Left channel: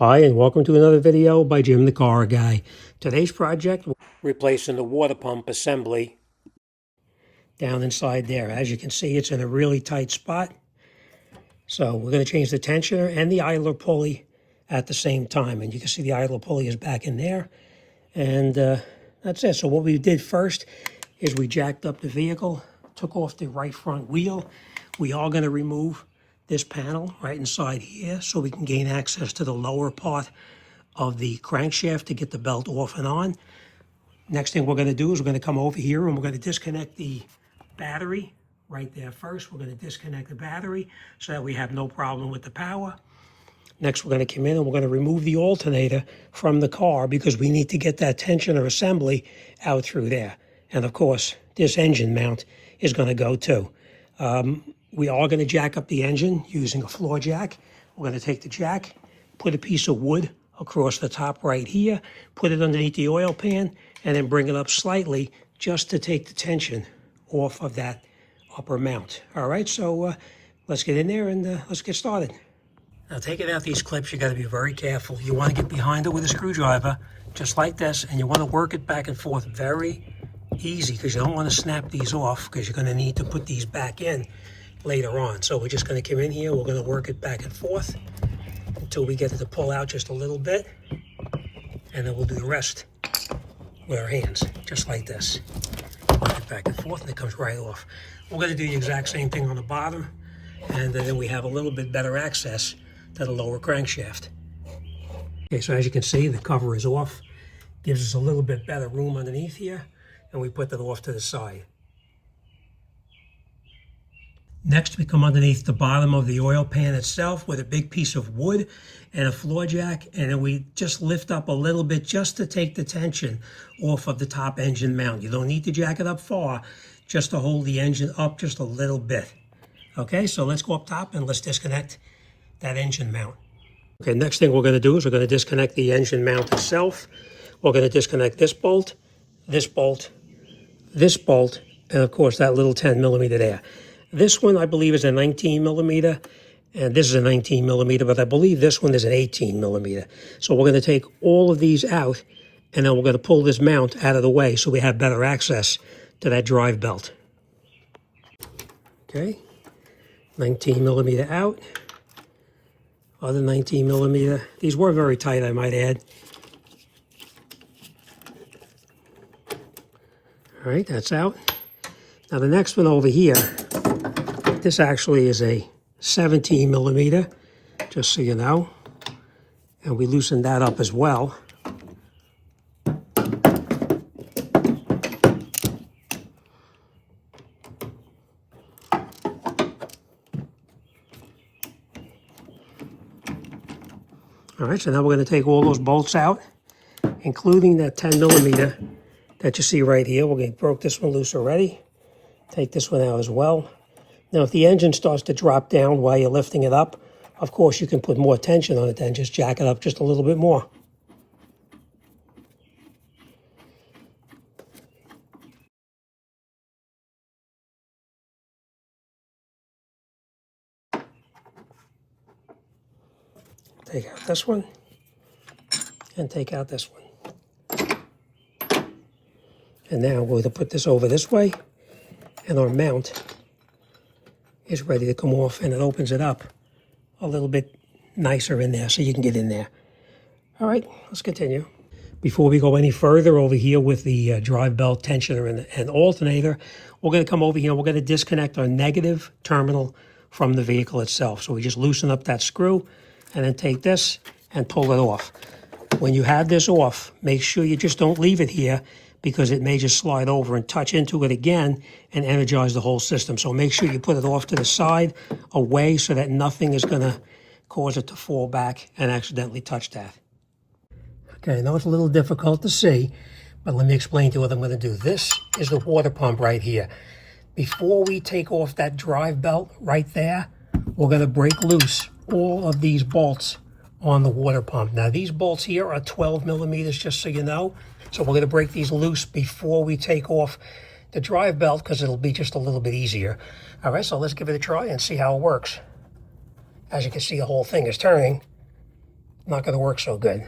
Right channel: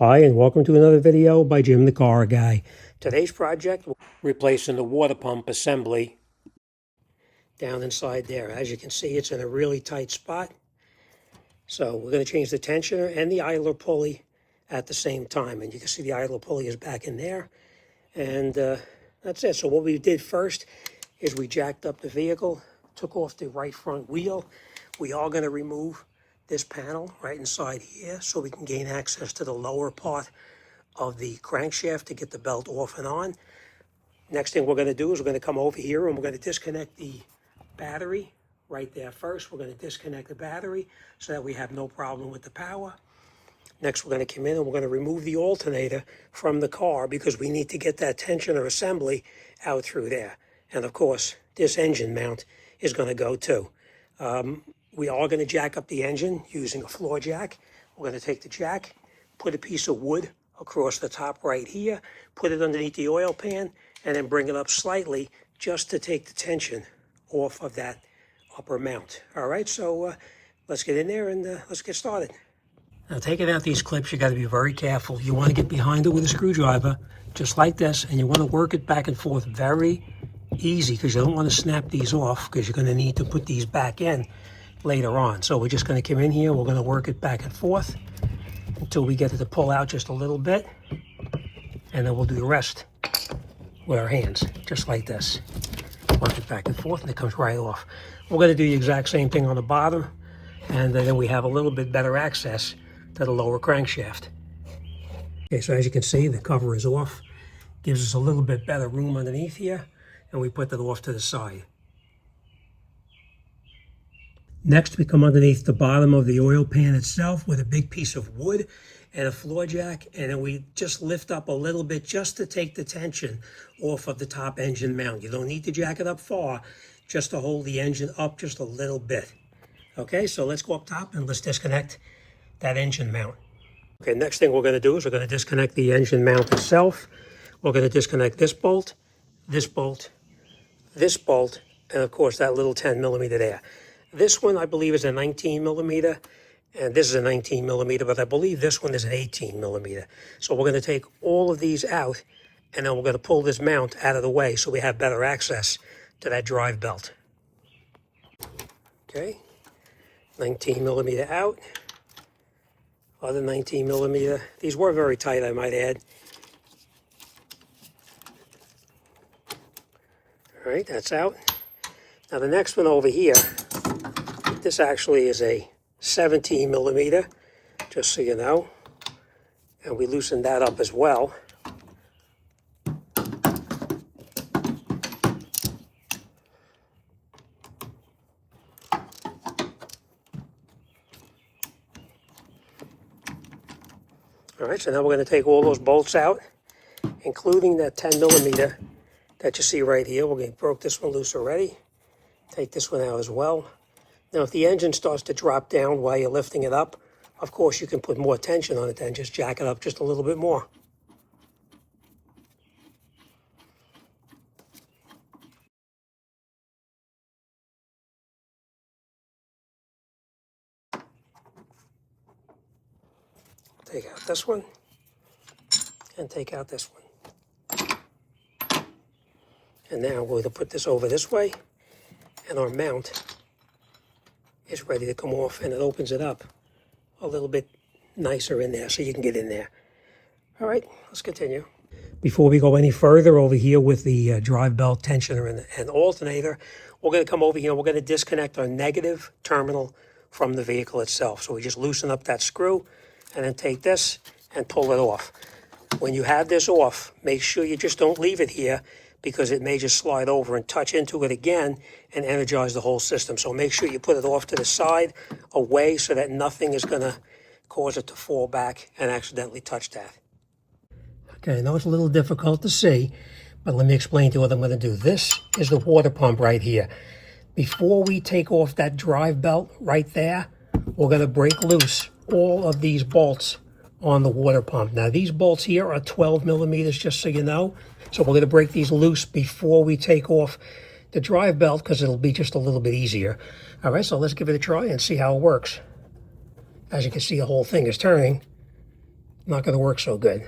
Hi, and welcome to another video by Jim the Car Guy. Today's project, replacing the water pump assembly down inside there. As you can see, it's in a really tight spot. So we're going to change the tensioner and the idler pulley at the same time. And you can see the idler pulley is back in there. And that's it. So what we did first is we jacked up the vehicle, took off the right front wheel. We are going to remove this panel right inside here so we can gain access to the lower part of the crankshaft to get the belt off and on. Next thing we're going to do is we're going to come over here and we're going to disconnect the battery right there first. We're going to disconnect the battery so that we have no problem with the power. Next, we're going to come in and we're going to remove the alternator from the car because we need to get that tensioner assembly out through there. And of course, this engine mount is going to go too. We are going to jack up the engine using a floor jack. We're going to take the jack, put a piece of wood across the top right here, put it underneath the oil pan, and then bring it up slightly just to take the tension off of that upper mount. All right, so let's get in there and let's get started. Now, taking out these clips, you got to be very careful. You want to get behind it with a screwdriver, just like this, and you want to work it back and forth very easy because you don't want to snap these off because you're going to need to put these back in later on. So we're just going to come in here, we're going to work it back and forth until we get it to pull out just a little bit, and then we'll do the rest with our hands, just like this. Work it back and forth, and it comes right off. We're going to do the exact same thing on the bottom, and then we have a little bit better access to the lower crankshaft. Okay, so as you can see, the cover is off. Gives us a little bit better room underneath here, and we put that off to the side. Next, we come underneath the bottom of the oil pan itself with a big piece of wood and a floor jack, and then we just lift up a little bit just to take the tension off of the top engine mount. You don't need to jack it up far, just to hold the engine up just a little bit. Okay, so let's go up top and let's disconnect that engine mount. Okay, next thing we're going to do is we're going to disconnect the engine mount itself. We're going to disconnect this bolt, this bolt, this bolt, and of course that little 10 millimeter there. This one, I believe, is a 19 millimeter, and this is a 19 millimeter, but I believe this one is an 18 millimeter. So we're going to take all of these out, and then we're going to pull this mount out of the way so we have better access to that drive belt. Okay, 19 millimeter out, other 19 millimeter. These were very tight, I might add. All right, that's out. Now the next one over here, this actually is a 17 millimeter, just so you know. And we loosened that up as well. All right, so now we're going to take all those bolts out, including that 10 millimeter that you see right here. We broke this one loose already. Take this one out as well. Now, if the engine starts to drop down while you're lifting it up, of course, you can put more tension on it then. Just jack it up just a little bit more. Take out this one, and take out this one. And now we're going to put this over this way, and our mount is ready to come off, and it opens it up a little bit nicer in there so you can get in there. All right, let's continue. Before we go any further over here with the drive belt tensioner and alternator, we're going to come over here and we're going to disconnect our negative terminal from the vehicle itself. So we just loosen up that screw and then take this and pull it off. When you have this off, make sure you just don't leave it here because it may just slide over and touch into it again and energize the whole system. So make sure you put it off to the side, away, so that nothing is going to cause it to fall back and accidentally touch that. Okay, I know it's a little difficult to see, but let me explain to you what I'm going to do. This is the water pump right here. Before we take off that drive belt right there, we're going to break loose all of these bolts on the water pump. Now, these bolts here are 12 millimeters, just so you know. So we're going to break these loose before we take off the drive belt because it'll be just a little bit easier. All right, so let's give it a try and see how it works. As you can see, the whole thing is turning. not going to work so good.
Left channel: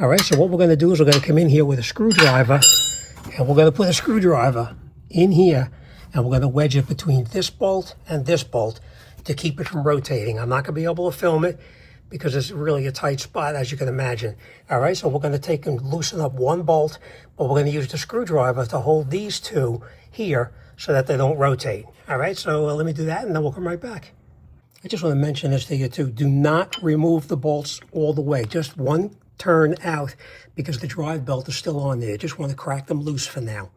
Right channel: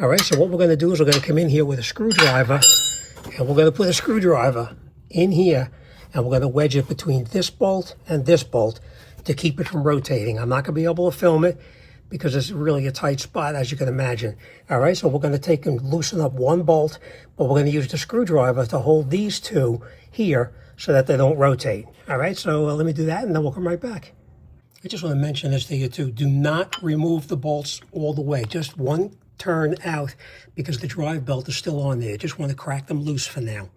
All right, so what we're going to do is we're going to come in here with a screwdriver, and we're going to put a screwdriver in here, and we're going to wedge it between this bolt and this bolt to keep it from rotating. I'm not going to be able to film it because it's really a tight spot, as you can imagine. All right, so we're going to take and loosen up one bolt, but we're going to use the screwdriver to hold these two here so that they don't rotate. All right, so let me do that, and then we'll come right back. I just want to mention this to you too. Do not remove the bolts all the way. Just one turn out because the drive belt is still on there. You just want to crack them loose for now.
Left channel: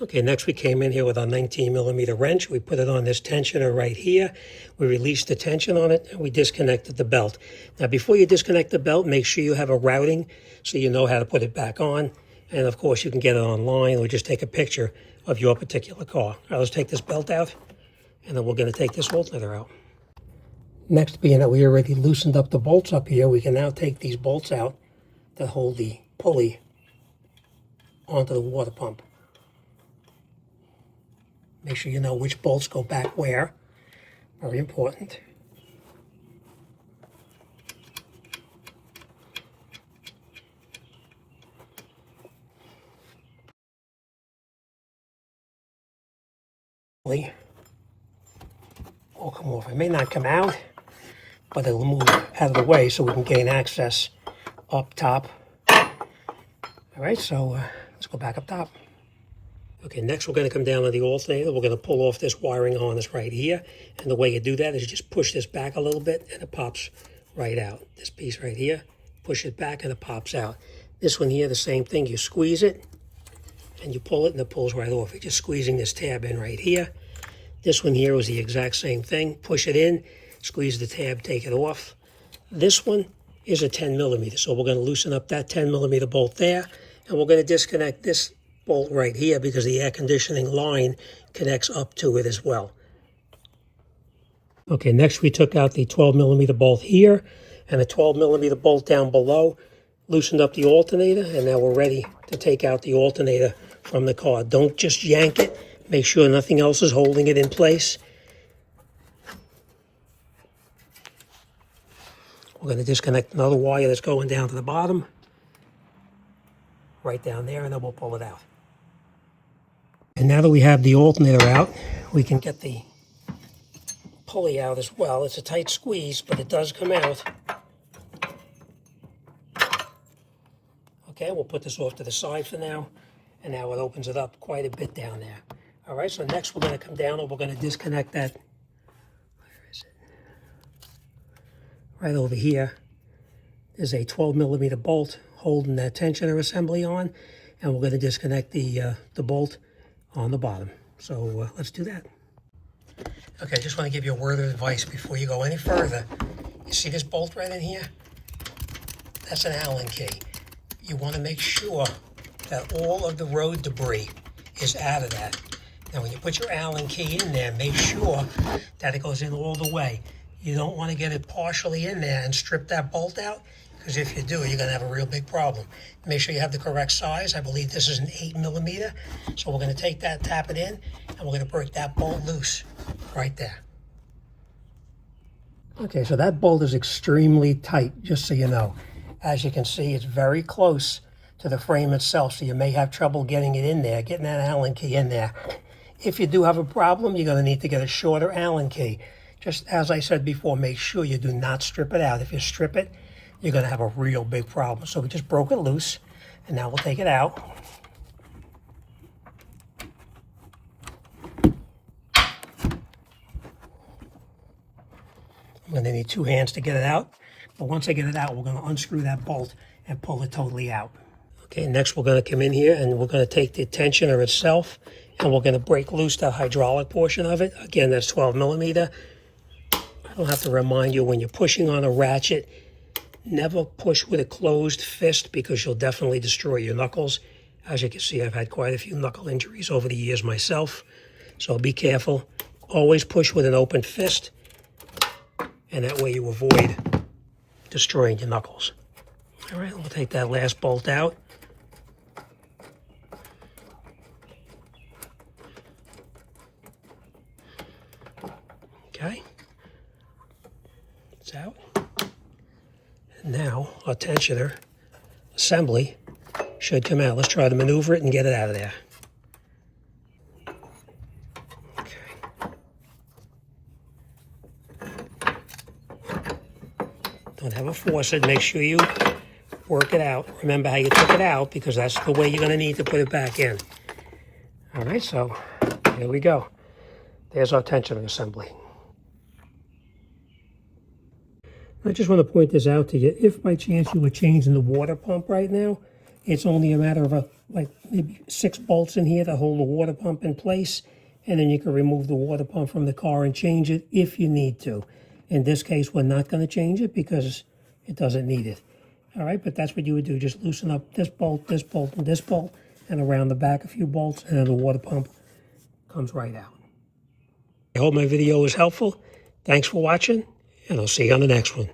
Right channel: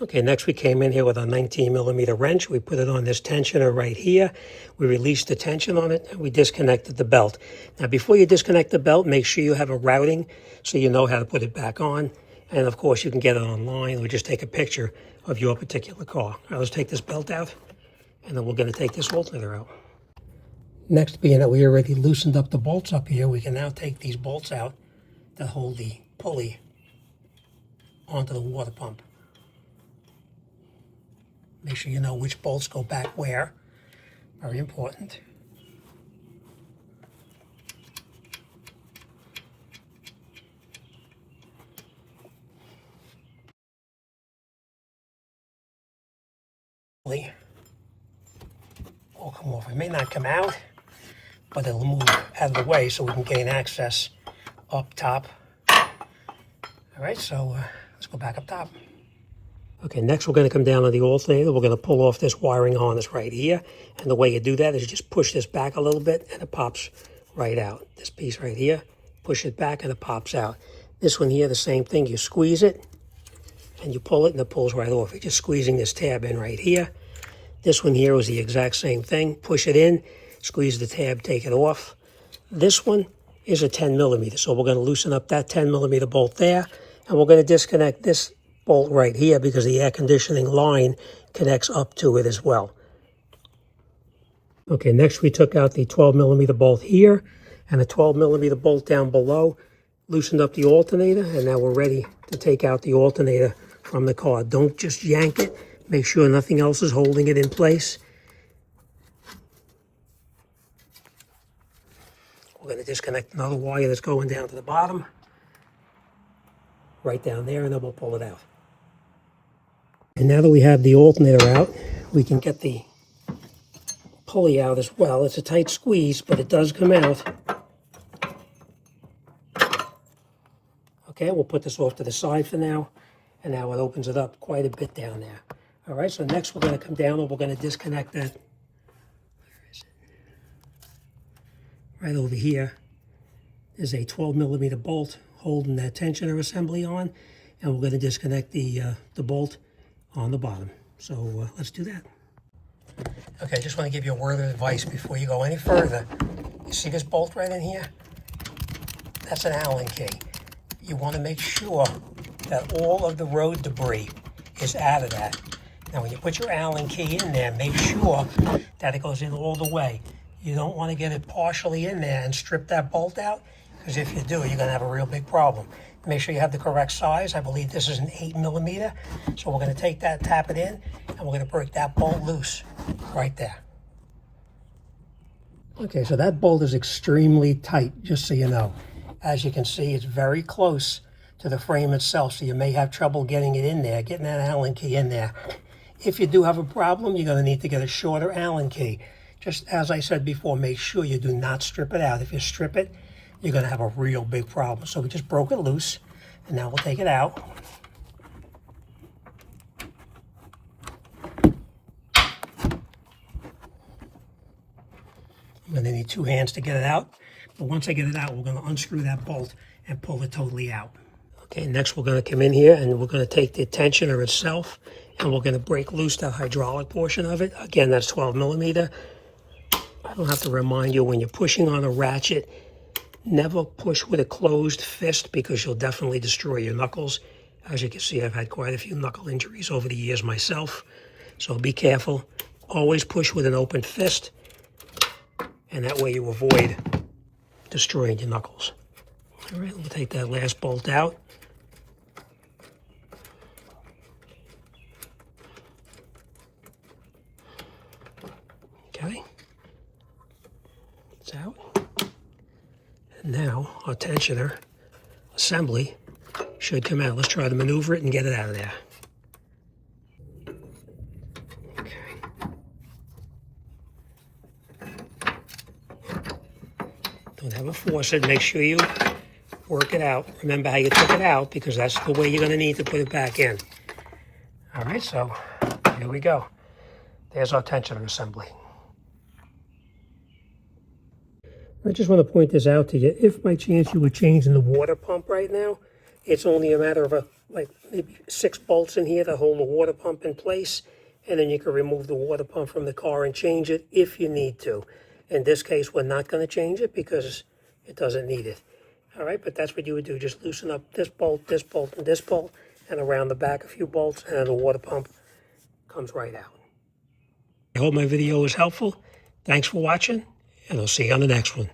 Okay, next we came in here with our 19mm wrench. We put it on this tensioner right here. We released the tension on it, and we disconnected the belt. Now, before you disconnect the belt, make sure you have a routing so you know how to put it back on. And, of course, you can get it online or just take a picture of your particular car. All right, let's take this belt out, and then we're going to take this alternator out. Next, being that we already loosened up the bolts up here, we can now take these bolts out that hold the pulley onto the water pump. Make sure you know which bolts go back where. Very important. Will come off. It may not come out, but it will move out of the way so we can gain access up top. All right, so let's go back up top. Okay, next we're going to come down on the alternator. We're going to pull off this wiring harness right here. And the way you do that is you just push this back a little bit and it pops right out. This piece right here, push it back and it pops out. This one here, the same thing. You squeeze it and you pull it and it pulls right off. You're just squeezing this tab in right here. This one here was the exact same thing. Push it in, squeeze the tab, take it off. This one is a 10mm. So we're going to loosen up that 10mm bolt there. And we're going to disconnect this bolt right here because the air conditioning line connects up to it as well. Okay, next we took out the 12mm bolt here and the 12mm bolt down below, loosened up the alternator, and now we're ready to take out the alternator from the car. Don't just yank it. Make sure nothing else is holding it in place. We're going to disconnect another wire that's going down to the bottom, right down there, and then we'll pull it out. And now that we have the alternator out, we can get the pulley out as well. It's a tight squeeze, but it does come out. Okay, we'll put this off to the side for now, and now it opens it up quite a bit down there. All right, so next we're going to come down and we're going to disconnect that. Where is it? Right over here is a 12mm bolt holding that tensioner assembly on, and we're going to disconnect the bolt on the bottom. So let's do that. Okay, I just want to give you a word of advice before you go any further. You see this bolt right in here? That's an Allen key. You want to make sure that all of the road debris is out of that. Now, when you put your Allen key in there, make sure that it goes in all the way. You don't want to get it partially in there and strip that bolt out, because if you do, you're going to have a real big problem. Make sure you have the correct size. I believe this is an 8mm. So we're going to take that, tap it in, and we're going to break that bolt loose right there. Okay, so that bolt is extremely tight, just so you know. As you can see, it's very close to the frame itself, so you may have trouble getting it in there, getting that Allen key in there. If you do have a problem, you're going to need to get a shorter Allen key. Just as I said before, make sure you do not strip it out. If you strip it, you're going to have a real big problem. So we just broke it loose, and now we'll take it out. I'm going to need two hands to get it out. But once I get it out, we're going to unscrew that bolt and pull it totally out. Okay, next we're going to come in here and we're going to take the tensioner itself and we're going to break loose the hydraulic portion of it. Again, that's 12mm. I don't have to remind you, when you're pushing on a ratchet, never push with a closed fist because you'll definitely destroy your knuckles. As you can see, I've had quite a few knuckle injuries over the years myself, so be careful. Always push with an open fist, and that way you avoid destroying your knuckles. All right, we'll take that last bolt out. Okay, it's out. Now our tensioner assembly should come out. Let's try to maneuver it and get it out of there. Don't have a faucet. Make sure you work it out. Remember how you took it out, because that's the way you're going to need to put it back in. All right, so there we go. There's our tensioner assembly. I just want to point this out to you. If by chance you were changing the water pump right now, it's only a matter of like maybe 6 bolts in here to hold the water pump in place, and then you can remove the water pump from the car and change it if you need to. In this case, we're not going to change it because it doesn't need it. All right, but that's what you would do. Just loosen up this bolt, and this bolt, and around the back a few bolts, and the water pump comes right out. I hope my video was helpful. Thanks for watching, and I'll see you on the next one.